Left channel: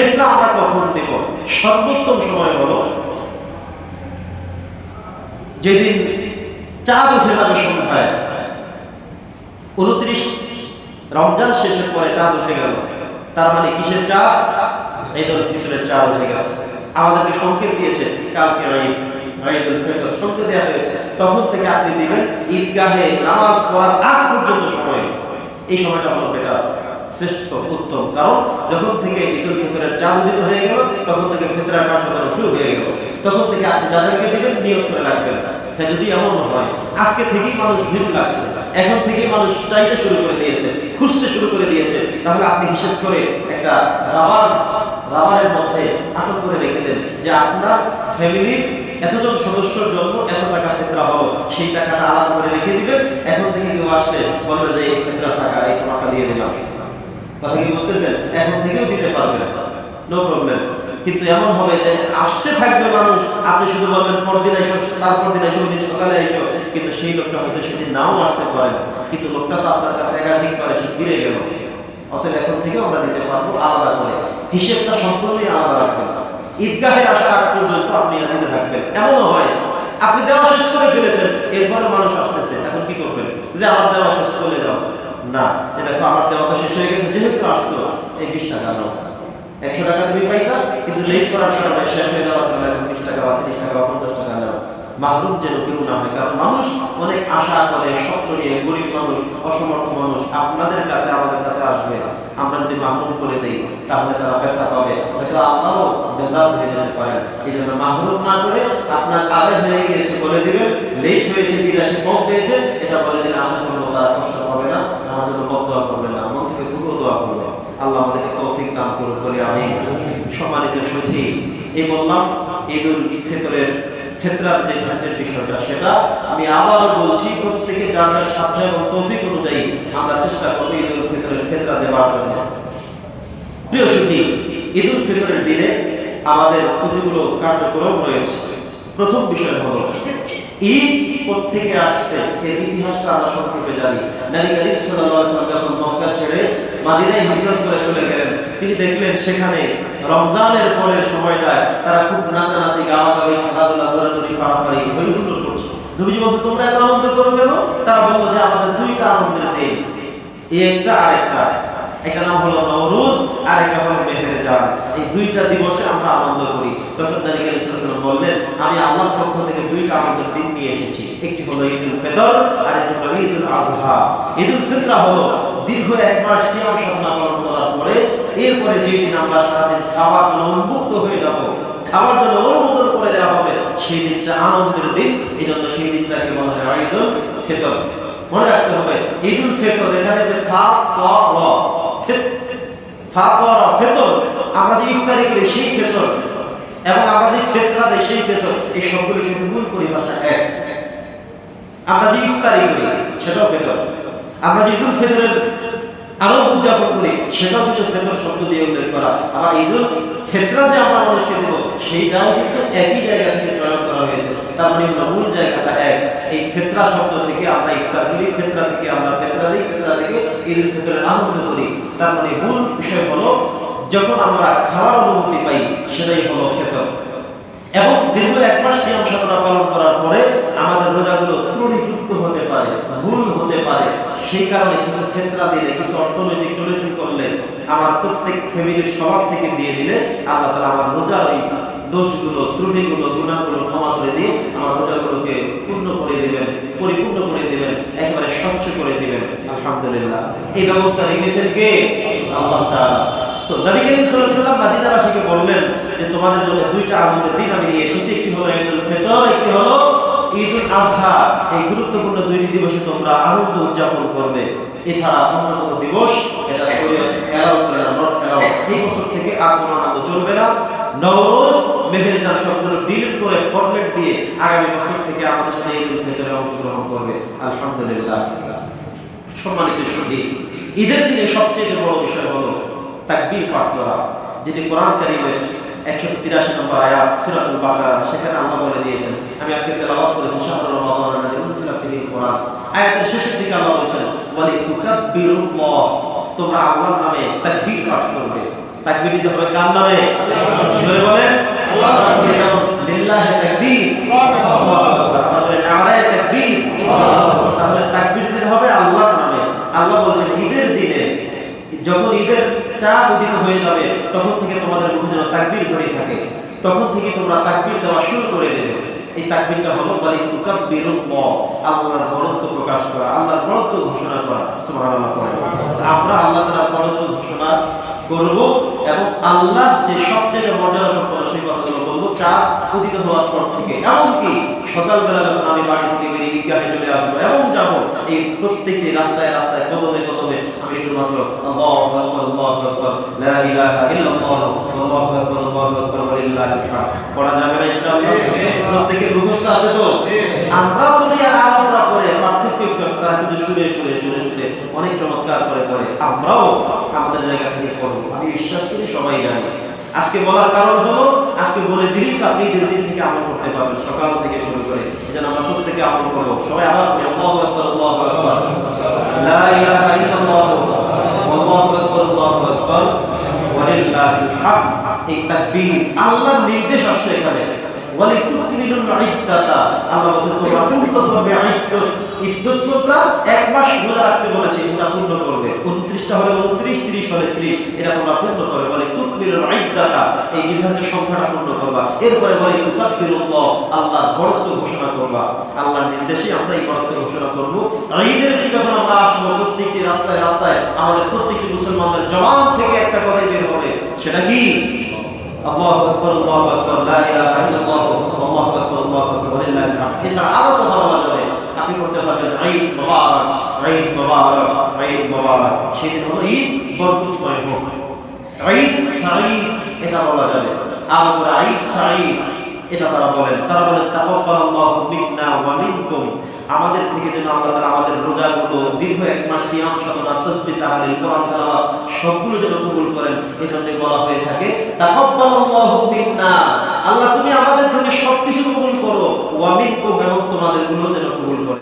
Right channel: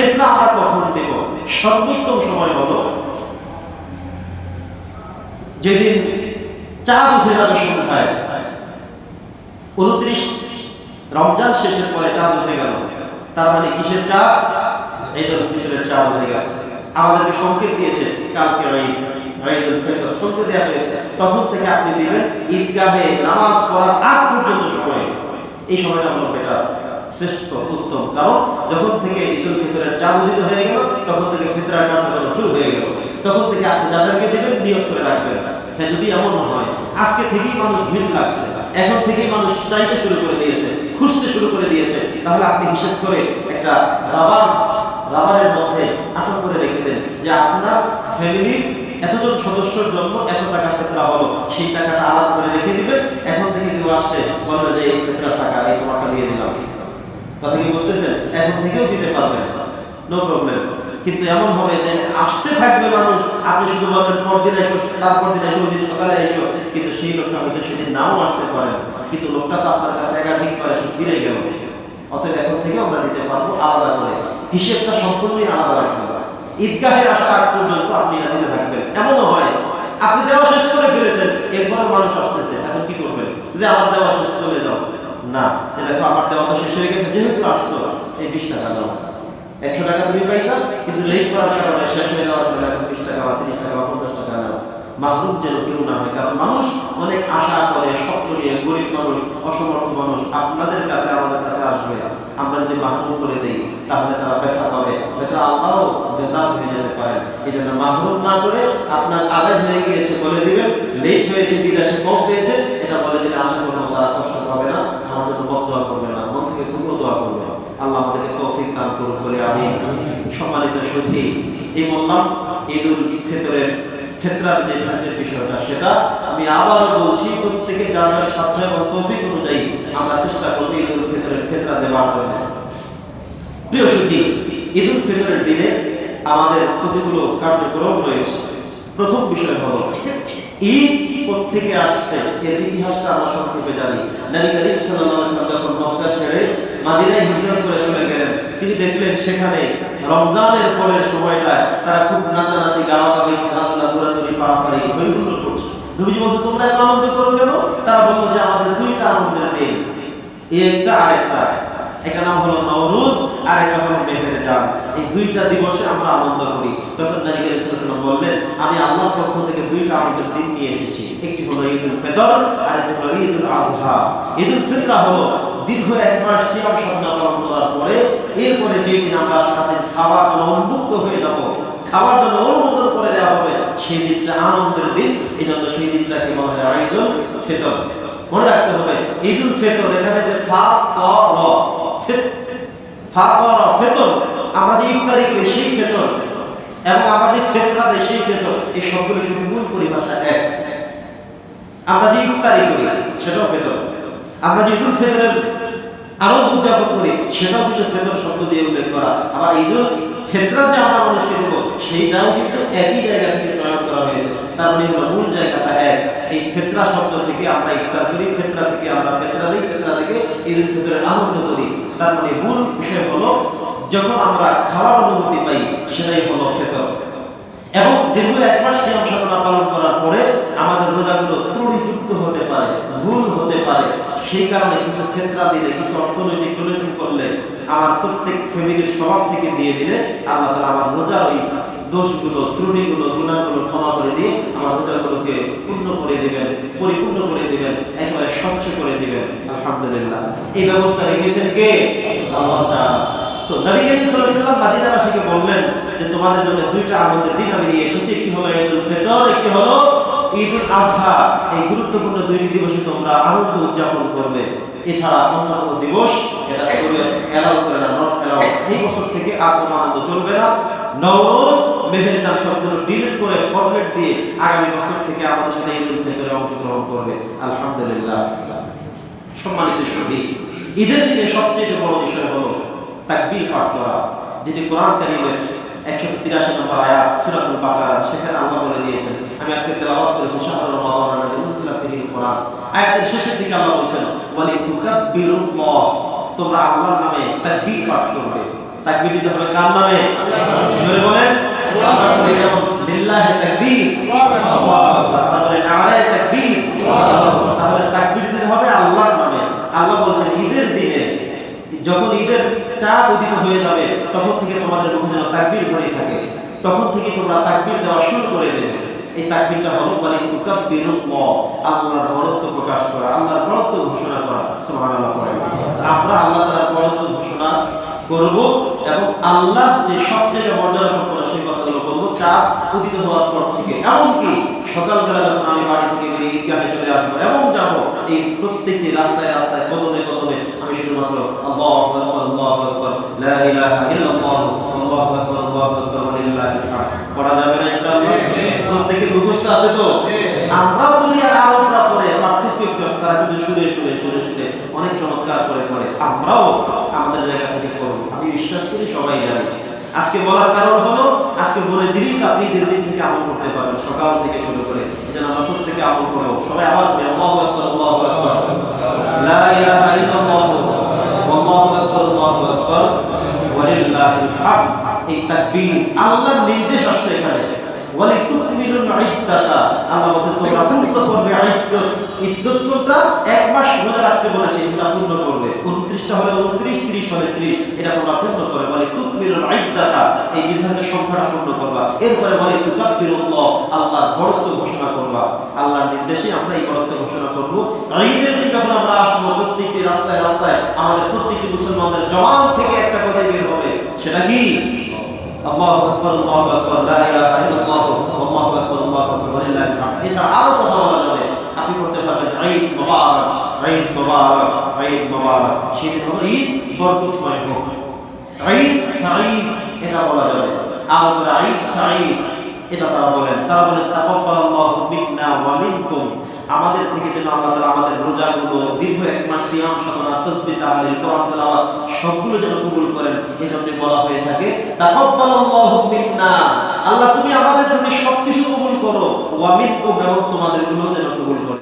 ফেতরা আমরা কখন দেব? সর্বোত্তম সময় হলো যেদিন চাঁদ উঠে যাবে সন্ধ্যায়। উনত্রিশ রমজান শেষের পরে চাঁদ উঠে গেল। তার মানে কিসের চাঁদ? ঈদুল ফিতরের চাঁদ উঠে গেছে। আমাদেরকে সংকেত দিয়েছে, কালকে ঈদ, ঈদুল ফিতর। সংকেত দেওয়া হয়েছে। তখন থেকে আপনি দিবেন ঈদগাহে নামাজ পড়ার আগ পর্যন্ত সময়। এই সময়টা হলো বেটার। শ্রেষ্ঠ, উত্তম। কারণ যখন থেকে ঈদুল ফিতরের চাঁদ উদিত হয়ে গেল, তখন থেকে ফিতরার কার্যক্রম শুরু হয়ে গেল। তখন থেকে আপনি যাদেরকে দিবেন নিয়োগ করে রাখবেন। হ্যাঁ যদি এমন হয়, আজকে থেকেই মানুষ ভিড় লাগছে। এখন থেকেই মানুষ চাইতে শুরু করে দিয়েছে, খুঁজতে শুরু করে দিয়েছে। তাহলে আপনি হিসেব করে একটা রাবার, রাবারের মধ্যে আটক করে রেখে দেন যে আপনার ফ্যামিলির এতজন সদস্যর জন্য এত টাকা ফেতরা হলো। সেই টাকাটা আলাদা করে রেখে দিবেন। এখন থেকে কেউ আসলে বলবেন যে, এই ফেতরার টাকা, এই তোমারটা দিয়ে দিলাম। কথা কি বুঝতেছেন? এখন থেকেও দিতে পারবেন। নো প্রবলেম কিন্তু এমন হবে যে আসতে থাকবে মানুষ, আপনি শুধু বলবেন, পরদিন এসো, তারপর দিন এসো ওই দিন সকালে এসো। কিন্তু সেই লোকটা হয়তো সেদিন নাও আসতে পারেন। কিন্তু লোকটা তো আপনার কাছে একাধিক বার এসে ফিরে গেল। অতএব এখন থেকেও আমরা দিতে পারব আলাদা করে। হিসেবটা সম্পূর্ণই আলাদা রাখবেন। ঈদগাহে আসার আগ পর্যন্ত আপনি না দিতে থাকবেন। এমনও হয়। আপনি দেওয়া শেষ করে ফেলেছেন। এরপরে মানুষ আসতেছে। এখন কি করবেন? যে আমার দেওয়া শেষ। না যে দেখো, আমার দেওয়া তো শেষ হয়ে গেছে, যেহেতু আসছো, এই বিশ টাকা নাও। একশো টাকা তুমি পাইতাম কিন্তু লেট করার কারণে শেষ হয়ে যাওয়ার কারণে এখন বিশ টাকা বা তিরিশ টাকা বা পঞ্চাশ টাকা নাও। মাহরুম যেন কেউ না হয়। কারণ মানুষ অনেক আশা করে, স্বপ্ন নিয়ে গরিব মানুষ, অসমর্থ মানুষ আপনাদের কাছে, আমাদের কাছে আসবে। আমরা যদি মাহরুম করে দেই, তাহলে তারা ব্যথা পাবে। হয়তো আল্লাহও বেজার হয়ে যেতে পারেন। এই জন্য মাহরুম না করে আপনার আদায় হয়ে গিয়েছে বলে দিবেন। লেট হয়েছে, বিদেশে কম পেয়েছে এটা বলে দিলে আশা করব তারা কষ্ট পাবে না। আমার জন্য বদ দোয়া করবে না, মন থেকে তুমিও দোয়া করবে আল্লাহ আমাদেরকে তৌফিক দান করুক বলে আমি সম্মানিত সুধী এই বললাম ঈদুল ফিতরের ফেতরার যে ধার্যের বিষয়টা, সেটা আমি আবারও বলছি, প্রত্যেকে যার যার সাধ্য এবং তৌফিক অনুযায়ী আমরা চেষ্টা করব ঈদ উল ফিতরের ফেতরা দেওয়ার জন্য। প্রিয় সুখী ঈদ উল ফিতরের দিনে আমাদের কতগুলো কার্যক্রম রয়েছে? প্রথম বিষয় হলো ঈদ আসছে? এর ইতিহাসটা আমরা সংক্ষেপে জানি। নবী করিম ওয়াসাল্লাম যখন মক্কা ছেড়ে মাদিনায় হিজরত করে চলে গেলেন, তিনি দেখলেন সেখানে রমজানের পরের সময়টায় তারা খুব নাচানাচি, গালাগালি, খেলাধুলা দৌড়াদৌড়ি পারাপারি হই হুল্লোড় করছে। নবীজি বলছে, তোমরা এত আনন্দ করো কেন? তারা বলল যে, আমাদের দুইটা আনন্দের দিন। একটা আর একটা। একটা নাম হলো নওরোজ, আর একটা হলো মেহের জান এই দুইটা দিবসে আমরা আনন্দ করি। তখন করিম সাল্লাল্লাহু বললেন, আমি আল্লাহর পক্ষ থেকে দুইটা আনন্দের দিন নিয়ে এসেছি। একটি হলো ঈদুল ফিতর, আর একটি হলো ঈদুল আজহা ঈদুল ফিতরা হলো দীর্ঘ এক মাস সিয়াম সাধনা পালন করার পরে, এরপরে যেই দিন আমরা সারাদিন খাওয়ার জন্য উন্মুক্ত হয়ে যাব, খাওয়ার জন্য অনুমোদন করে দেওয়া হবে, সেই দিনটা আনন্দের দিন। এই জন্য সেই দিনটাকে বলা হয় ঈদুল ফিতর। মনে রাখতে হবে, ঈদুল ফিতর এখানে যে ফা, ক, র ফিতর আমরা যে ইফতারি করি, সেই ফিতর। এবং আমরা যে ফেতরা দেয় সেই ফেতর। এই সবগুলো কিন্তু মূল পরিভাষা এক। আমরা যে ইফতারি করি, সেটাও ফেতর। আমরা যে ঈদুল ফেতরের আনন্দ উদযাপন করি, সেটাও কিন্তু ফেতর শব্দ দিয়ে উল্লেখ করা। আবার ঈদুল ফেতরা যে আমরা মানুষকে দেবো, সেইটাও কিন্তু একই জায়গা থেকে চয়ন করা হয়েছে। তার মানে হলো মূল জায়গাটা এক। এই ফেতরা শব্দ থেকে আমরা ইফতার করি, ফেতরা থেকে আমরা ফেতরা দিই, ফেতরা থেকে ঈদুল ফিতরের আনন্দ করি। তার মানে মূল বিষয় হলো, যখন আমরা খাওয়ার অনুমতি পাই, সেটাই হলো ফেতর। এবং দীর্ঘ এক মাস সিয়াম সাধনা পালন করার পরে আমাদের রোজাগুলো ত্রুটিযুক্ত হতে পারে, ভুল হতে পারে। সেই কারণে কিছু ফেতরা দিলে, কিছু অর্থনৈতিক ডোনেশন করলে আমার প্রত্যেক ফ্যামিলির সবার থেকে দিয়ে দিলে আল্লাহ তালা আমার রোজার ওই দোষগুলো, ত্রুটিগুলো গুণাগুলো ক্ষমা করে দিয়ে আমার রোজাগুলোকে পূর্ণ করে দিবেন, পরিপূর্ণ করে দিবেন, একেবারে স্বচ্ছ করে দিবেন। আলহামদুলিল্লাহ। এই ব্যবস্থা রেখেছেন কে? আল্লাহ তাআলা। তো নবী করিম ওয়াসাল্লাম মদিনাবাসীকে বললেন যে, তোমাদের জন্য দুইটা আনন্দের দিন আমি নিয়ে এসেছি। একটি হলো ঈদুল ফিতর, একটি হলো ঈদুল আজহা এই গুরুত্বপূর্ণ দুইটি দিবসে তোমরা আনন্দ উদযাপন করবে। এছাড়া অন্য কোনো দিবস, এটা এলাও করে না, নট এলাও এই বছর থেকে আর কোনো আনন্দ চলবে না। নওরোজ মেহেরজান সবগুলো ডিলিট করে ফরম্যাট দিয়ে আগামী বছর থেকে আমাদের সাথে ঈদুল ফিতরে অংশগ্রহণ করবে। আলহামদুলিল্লাহ। সম্মানিত সুধী ঈদের দিনে সবচেয়ে বড় বিষয় হলো তাকবীর পাঠ করা যেটি কোরআন কারিমের একশত তিরাশি নম্বর আয়াত সুরাতুল বাকারা সেখানে আল্লাহ বলে দিয়েছেন আমি আজকে তেলাবাত করেছি আল্লাযী ফিহিল কোরআন। আয়াতের শেষের দিকে আল্লাহ বলছেন ওয়ালি তুকাব্বিরুল্লাহ। তোমরা আল্লাহর নামে তাকবীর পাঠ করবে। তাকবীর দিতে হবে কার নামে? জোরে বলেন। লিল্লাহে তাকবীর। বলি নারায়ে তাকবীর। তাহলে তাকবীর দিতে হবে আল্লাহর নামে। আল্লাহ বলছেন ঈদের দিনে যখন ঈদের চাঁদ উদিত হয়ে যাবে, তখন থেকে তোমাদের মুখে যেন তাকবির ধ্বনি থাকে। তখন থেকে তোমরা তাকবির দেওয়া শুরু করে দেবে। এই তাকবিরটা হলো মানে তুকাব্বির আল্লাহর বরত্ব প্রকাশ করা, আল্লাহর বরত্ব ঘোষণা করা। সুমান আল্লাহ করে আমরা আল্লাহ তালার বরত্ব ঘোষণা করব এবং আল্লাহ যে সবচেয়ে মর্যাদা সম্পন্ন সেই চাঁদ উদিত হওয়ার পর থেকে, এমনকি সকালবেলা যখন আমি বাড়ি থেকে বেরিয়ে ঈদগাহে চলে আসব এবং যাব, এই প্রত্যেকটি রাস্তায় রাস্তায়, কদমে কদমে আমি শুধুমাত্র আল্লাহু যাবে না প্রত্যেকের মুখস্থ আছে তো? আমরা পড়ি আর আরবরা পড়ে, পার্থক্য একটু তারা কিন্তু সুরে সুরে সুরে সুরে অনেক চমৎকার করে পড়ে। আমরাও আমাদের জায়গা থেকে পড়ব। আমি বিশ্বাস করি সবাই জানি। আজকে বলার কারণ হলো, আজকে বলে দিলেই তো আপনি ঈদের দিন থেকে আমল করতে পারবেন, সকাল থেকে শুরু করে। যেন জন্য আমরা প্রত্যেকে আমল করব। সবাই আবার বলি আল্লাহু আকবার, আল্লাহু লা ইলাহা ইল্লাল্লাহ, আল্লাহু আকবার আল্লাহু আকবার। ওয়ালিল্লাহিল হামদ। এই তাকবীর আল্লাহর নির্দেশ আসছে এখানে। ওয়ালি ইদ্দাতা। আল্লাহ বলেন তোমরা পূর্ণ করবে ইদ্দত। কোনটা? এক মাস রোজা রাখতে বলেছে, এটা পূর্ণ করবে। 29টা হলে 29 30 হলে 30 এটা তোমরা পূর্ণ ইদ্দাতা, এই নির্ধারিত সংখ্যাটা পূর্ণ করবা। এরপরে বলে তুকাব্বিরুল্লাহ আল্লাহর বড়ত্ব ঘোষণা করবা। আল্লাহর নির্দেশে আমরা এই বড়ত্ব ঘোষণা করব। ঈদের দিন যখন আমরা আসব, প্রত্যেকটি রাস্তায় রাস্তায় আমাদের প্রত্যেকটি মুসলমানদের জবান থেকে একটা কথাই বের হবে। সেটা কি? আল্লাহু আকবার আল্লাহু আকবার আল্লাহু আকবার আল্লাহু আকবার এছাড়া আরও কথা বলা যাবে, আপনি করতে পারবেন ঈদ মোবারক ঈদ মোবারক ঈদ মোবারক। সেদিন হলো ঈদ বরকতময় হোক। ঈদ সাঈদ, এটা বলা যাবে। আবার ঈদ সাঈদ। এটা তারা বলেন। তারা বলেন, তাকাব্বালাল্লাহু আমাদের থেকে যেন আল্লাহ তাআলা আমাদের রোজাগুলো দীর্ঘ এক মাস সিয়াম, সাধনা, তাসবিহ, তাহলিল, কোরআন, তেলাওয়াত সবগুলো যেন কবুল করেন। এজন্য বলা হয়ে থাকে, তাকাব্বালাল্লাহু আল্লাহ, তুমি আমাদের থেকে সবকিছু কবুল করো। ওয়া মিনকুম এবং তোমাদেরগুলো যেন কবুল করে।